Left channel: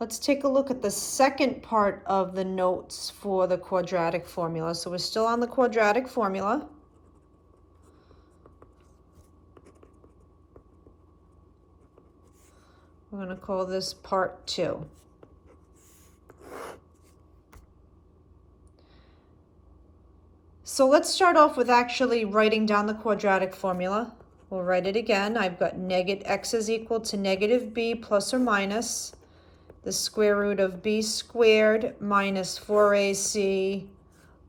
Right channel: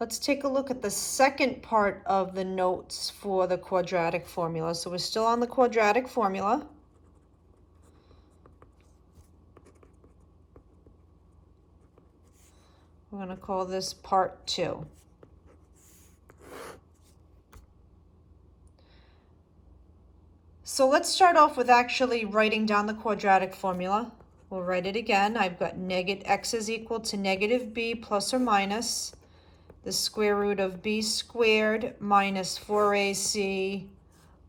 Let's take a look at the second part of the notes for the quadratic formula. So we're still on the quadratic formula. We're going to call this part 2. So let's start off with actually writing down the quadratic formula. We'll write it again. I've got x is equal to negative b plus or minus the square root of b squared minus 4ac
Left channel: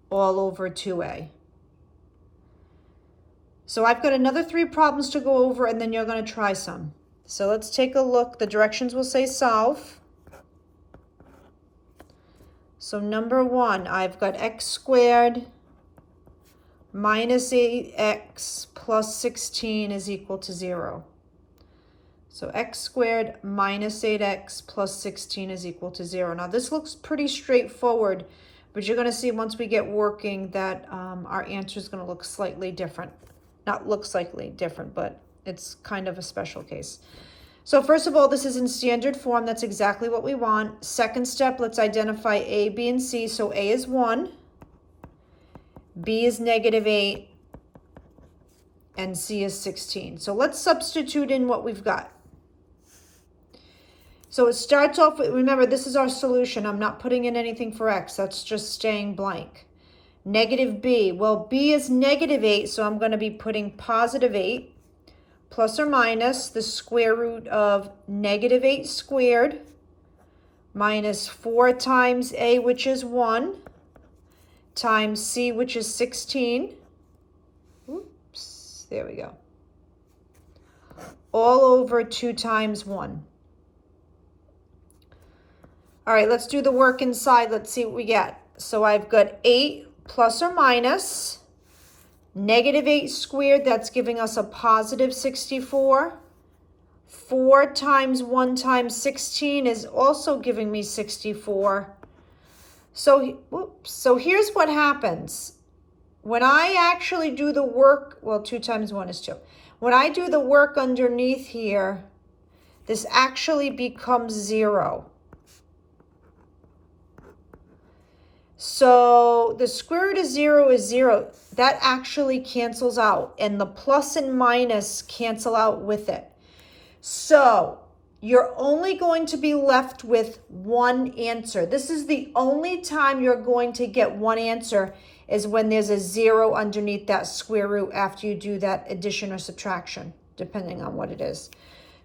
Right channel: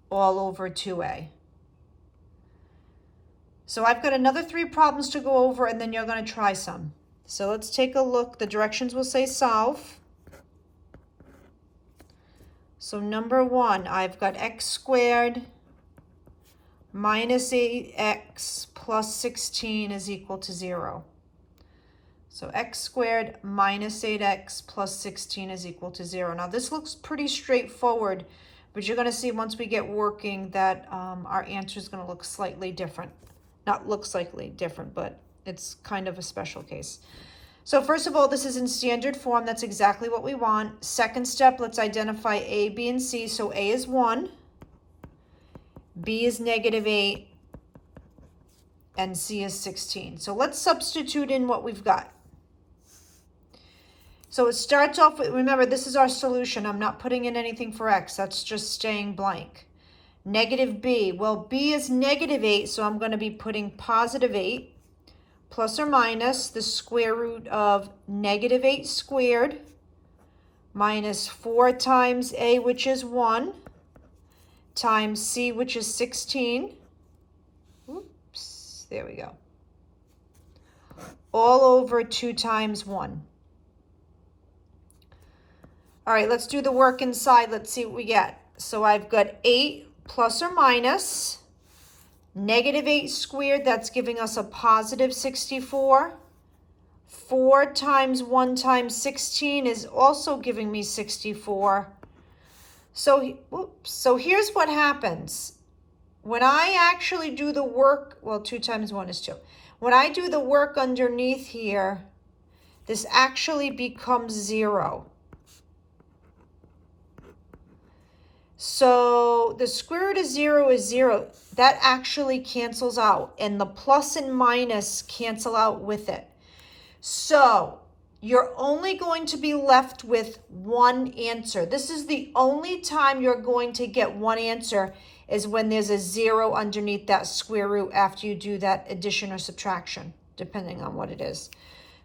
all over 2a. So I've got another 3 problems to go over, and then you're going to try some. So let's take a look. The directions will say solve. So number 1, I've got x squared minus 8x plus 16 is equal to 0. So x squared minus 8x plus 16 is equal to 0. Now this looks pretty straightforward, but you're going to see once we get working that our answer is going to look slightly different. Not look slightly different, but it's kind of a special case. So first of all, this is in standard form. That's exactly what we want. Second step, let's identify a, b, and c. So a is 1, b is negative 8, and c is 16. So let's substitute in what we've got. So it starts off with, remember, this is our solution. I'm not putting in anything for x. That's just staying blank. Negative b. Well, b is negative 8, so I'm going to be putting positive 8 plus or minus the square root of negative 8 squared minus 4 times a, which is 1, times c, which is 16. Oops, there we go. All over 2 times 1. All right, let's do the work inside. Let's see what we get. So I've got 8 plus or minus negative 8 squared. That's giving us a positive 64. 4 times 1 times 16 is also giving me 64. So here's what happens. When I actually do the work, well, 2 times 1 is 2. When I do the work underneath here, this actually becomes 0. So the square root of 0 is 0. That actually cancels out, and the plus and minus cancel out with it. So you're only going to be left with one answer. This is the only time you're going to get one answer, is when there's a 0 underneath that square root after you do that addition or subtraction, depending on what it is.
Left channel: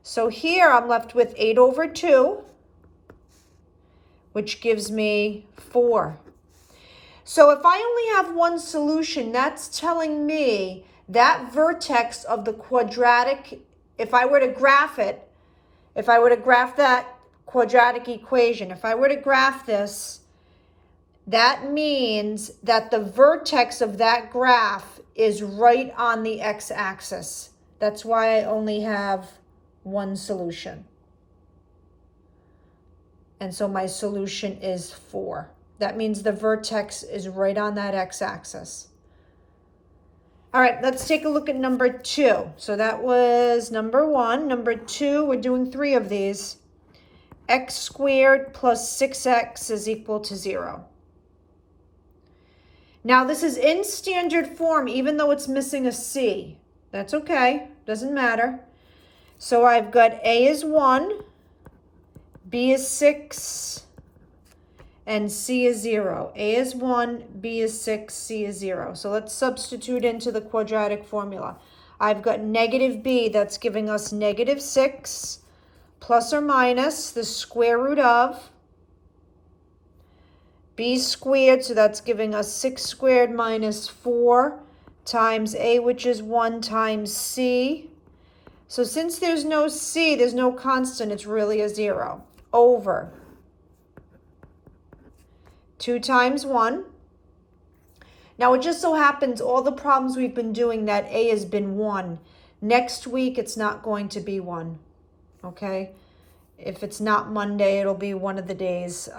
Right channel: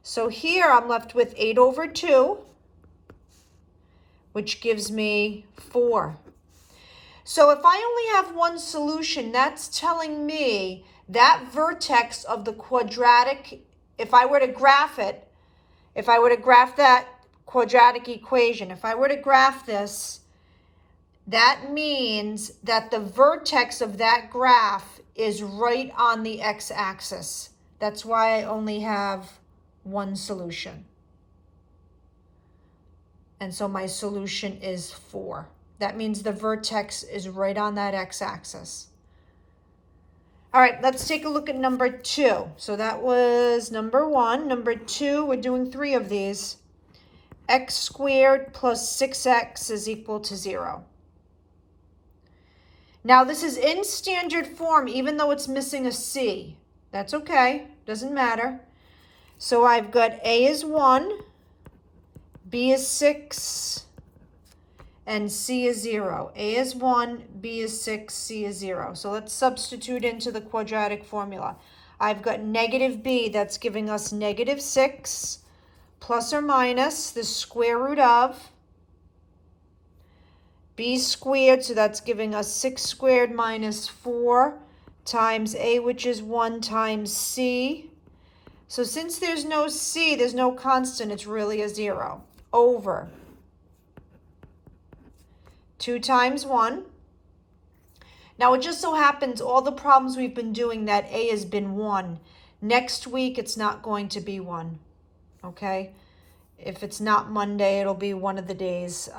So here I'm left with 8 over 2, which gives me 4. So if I only have one solution, that's telling me that vertex of the quadratic, if I were to graph it, if I were to graph that quadratic equation, if I were to graph this, that means that the vertex of that graph is right on the x-axis. That's why I only have one solution. And so my solution is 4. That means the vertex is right on that x-axis. All right, let's take a look at number 2. So that was number 1. Number 2, we're doing 3 of these. X squared plus 6x is equal to 0. Now this is in standard form, even though it's missing a c. That's okay, doesn't matter. So I've got a is 1, b is 6, and c is 0. A is 1, b is 6, c is 0. So let's substitute into the quadratic formula. I've got negative b, that's giving us negative 6, plus or minus the square root of b squared, so that's giving us 6 squared minus 4 times a, which is 1, times c. So since there's no c, there's no constant, it's really a 0, over 2 times 1. Now it just so happens all the problems we've been doing, that a has been 1. Next week it's not going to be 1, okay? If it's not Monday, it'll be one of the days.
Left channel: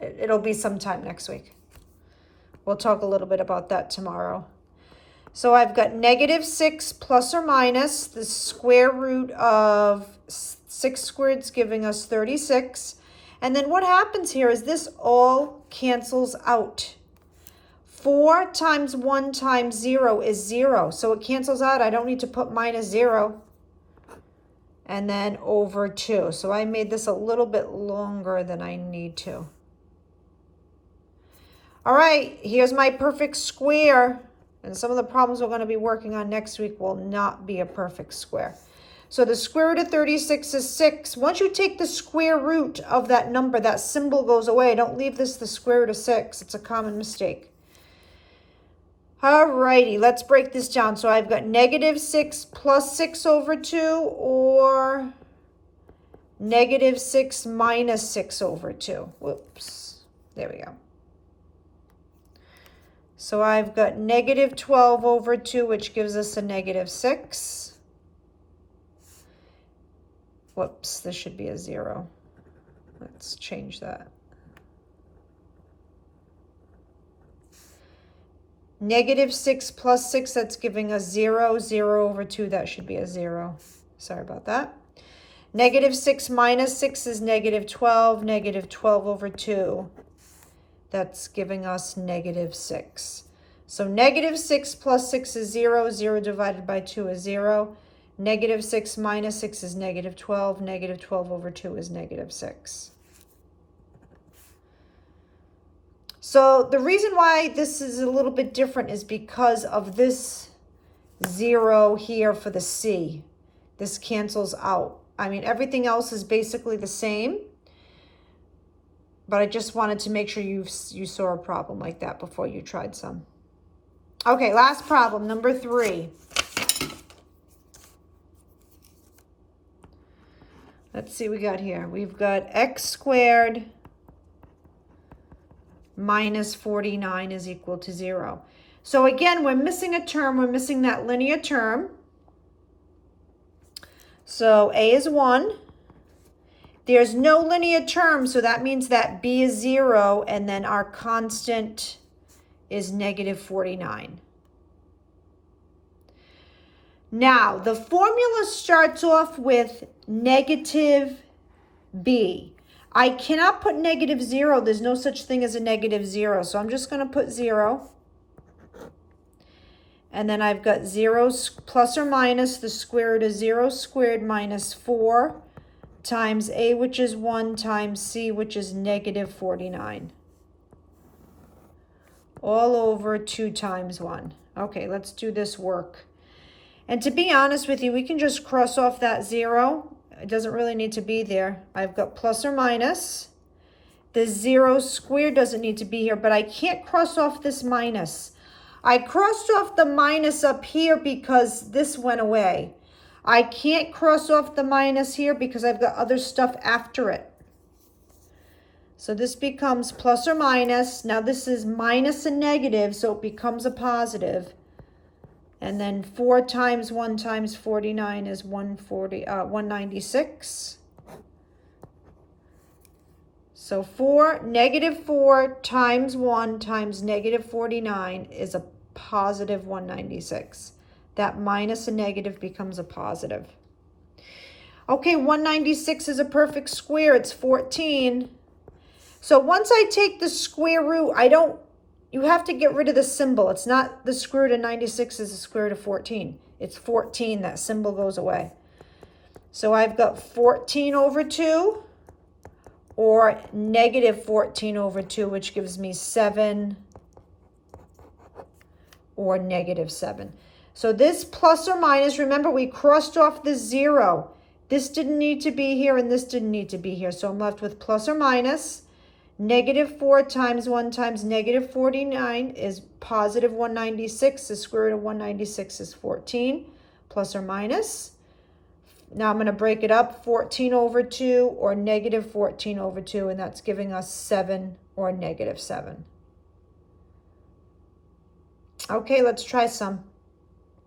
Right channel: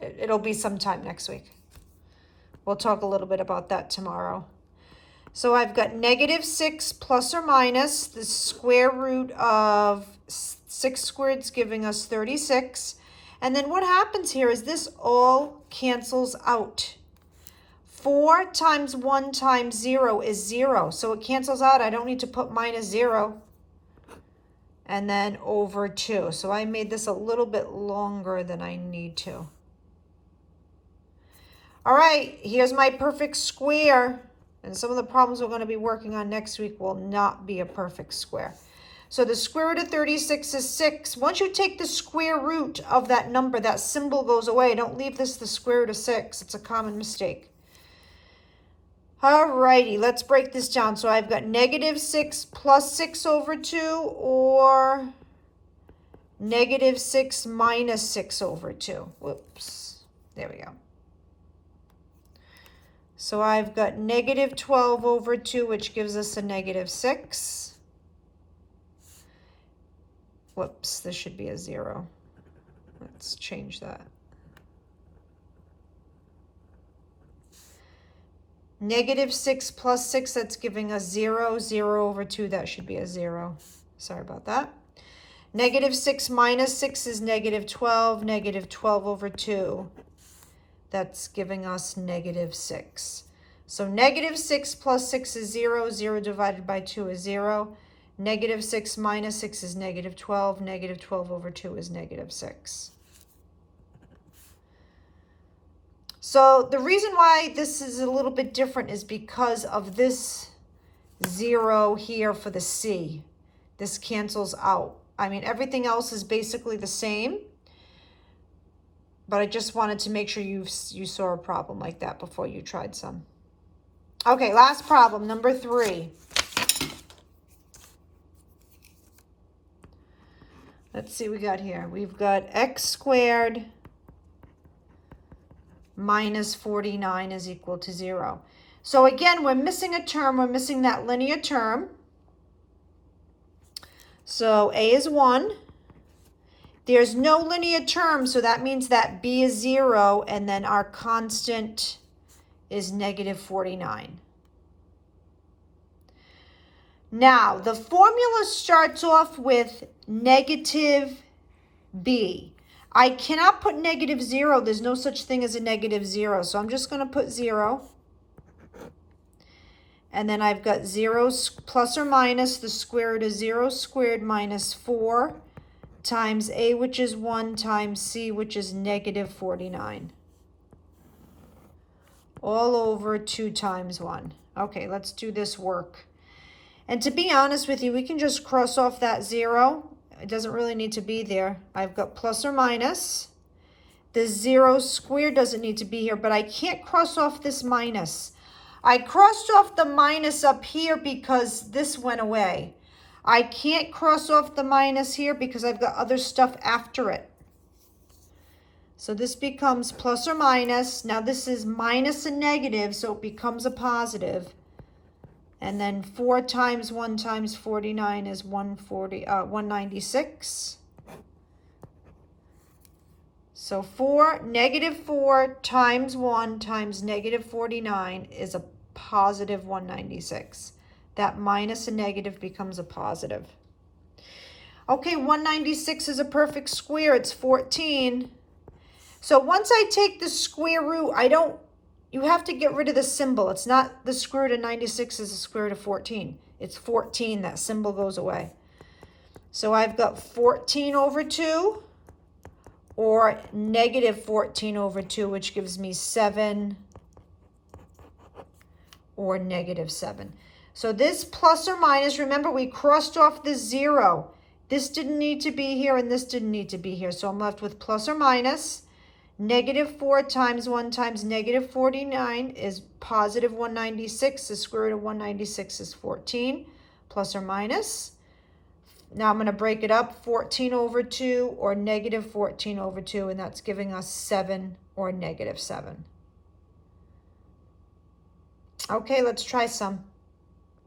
It'll be sometime next week. We'll talk a little bit about that tomorrow. So I've got -6 plus or minus the square root of 6 squared is giving us 36. And then what happens here is this all cancels out. 4 times 1 times 0 is 0. So it cancels out. I don't need to put -0. And then over 2. So I made this a little bit longer than I need to. All right, here's my perfect square. And some of the problems we're going to be working on next week will not be a perfect square. So the square root of 36 is 6. Once you take the square root of that number, that symbol goes away. Don't leave this the square root of 6. It's a common mistake. All righty, let's break this down. So I've got -6 plus 6 over 2 or -6 minus 6 over 2. Whoops, there we go. So I've got -12 over 2, which gives us a -6. Whoops, this should be a 0. Let's change that. -6 plus 6, that's giving us 0. 0 over 2, that should be a 0. Sorry about that. -6 minus 6 is -12. -12 over 2. That's giving us -6. So -6 plus 6 is 0. 0 divided by 2 is 0. -6 minus 6 is -12. -12 over 2 is -6. So the reason why this is a little bit different is because of this 0 here for the C. This cancels out. I mean, everything else is basically the same. But I just wanted to make sure you saw a problem like that before you tried some. Okay, last problem, number 3. Let's see what we got here. We've got x squared minus 49 is equal to 0. So again, we're missing a term. We're missing that linear term. So a is 1. There's no linear term, so that means that b is 0, and then our constant is -49. Now, the formula starts off with -b. I cannot put -0. There's no such thing as a -0, so I'm just going to put 0. And then I've got 0 plus or minus the square root of 0 squared minus 4 times a, which is 1, times c, which is -49. All over 2 times 1. Okay, let's do this work. And to be honest with you, we can just cross off that 0. It doesn't really need to be there. I've got plus or minus. The 0 squared doesn't need to be here, but I can't cross off this minus. I crossed off the minus up here because this went away. I can't cross off the minus here because I've got other stuff after it. So this becomes plus or minus. Now this is minus a negative, so it becomes a positive. And then 4 times 1 times 49 is 196. So -4 times 1 times -49 is a positive 196. That minus a negative becomes a positive. Okay, 196 is a perfect square. It's 14. So once I take the square root, you have to get rid of the symbol. It's not the square root of 96 is the square root of 14. It's 14. That symbol goes away. So I've got 14 over 2 or -14 over 2, which gives me 7 or -7. So this plus or minus, remember we crossed off the 0. This didn't need to be here and this didn't need to be here. So I'm left with plus or minus. -4 times 1 times -49 is positive 196. The square root of 196 is 14, plus or minus. Now I'm going to break it up, 14 over 2 or -14 over 2, and that's giving us 7 or -7. Okay, let's try some.